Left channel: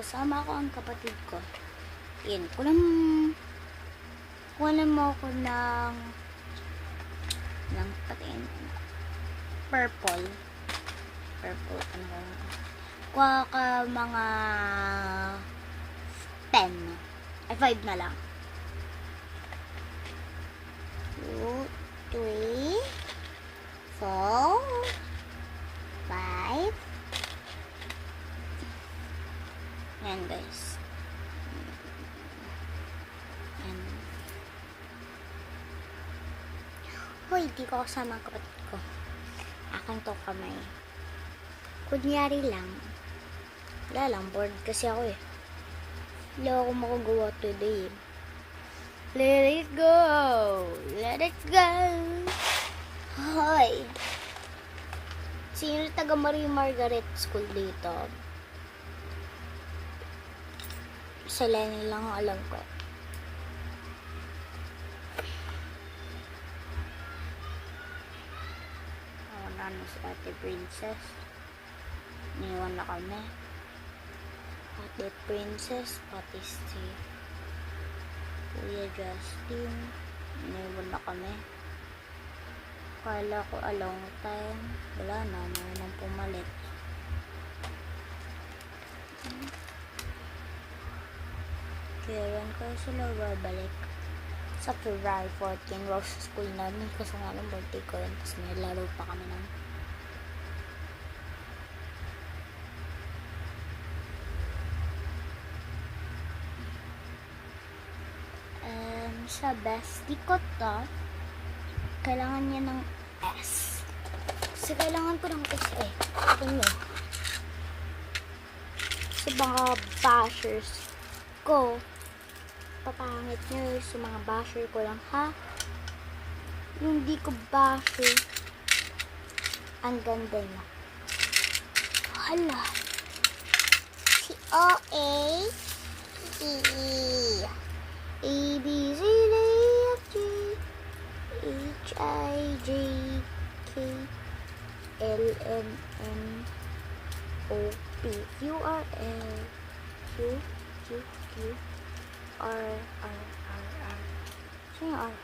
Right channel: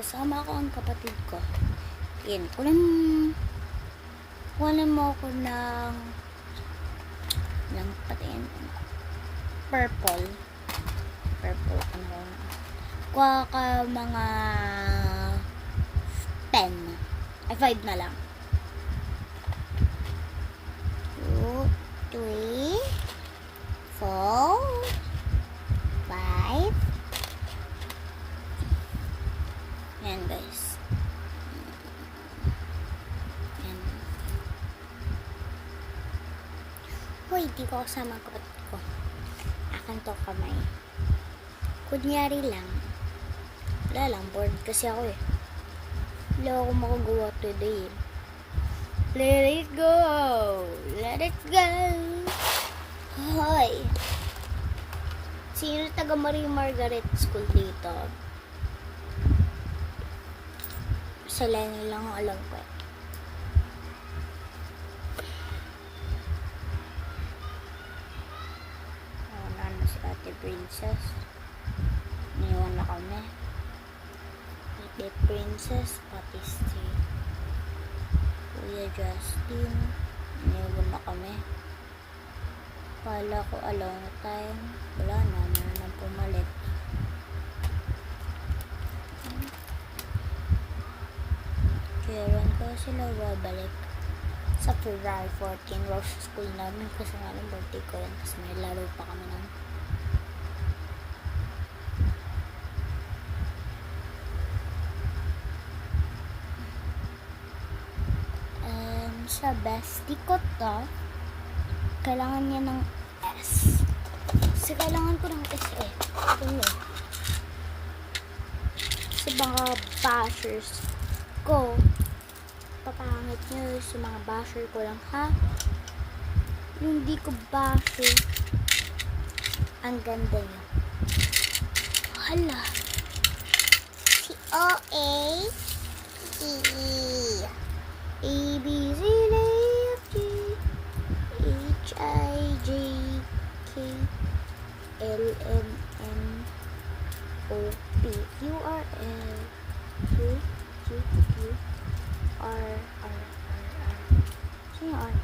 kasama ko ang kapatid ko. Yan, kunin mo ako ng patingin, purple ano, kuha ka mga 10 5 na lang. 2, 3, 4, 5. Yan guys. Yan. Hoy, di ko kasama ang kapatid ko. Akan to kamay. Kunyari lang. Wala lang, bored kasi ako eh. Wala ako makagawa today. Let it go! Let it go! Hoy! Sino taga Marie Margaret School dito? Sila lang ang alam ko. Namin si Ate Princess. Iniwan na kami. Ate Princess, pati si Kuya Justin. Iniwan na kami. Kala ko a long time. Wala na, nang pumalit. Kaya yan kaya sila babalik sa February 14, Rose School namin kasi nga ng birthday ko yun, tapos may laro pa kami nun. Sa bestie ko to, kailangan niya ng S. Kasi kailangan ko ng S eh. Ito nyo. Sa mga bashers ko, papangit nyo sa mga basher ko lang ha. Yung di ko basher, ang ganda niya. Hala. Si O-A E A B C D F G H I J K L M N O P Q R S Q Q Q R R R R. Sino R?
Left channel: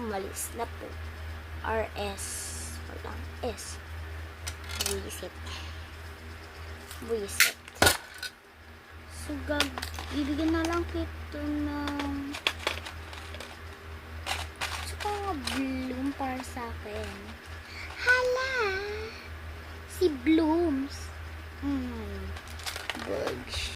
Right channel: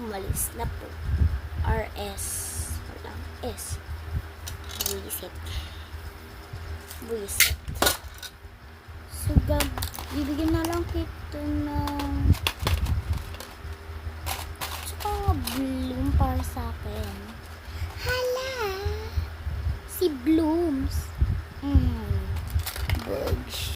Umalis na po. R S. Wala. S. Buisit. So, ibigyan na lang kita ng tsaka nga bloom para sa akin. Hala! Si Blooms.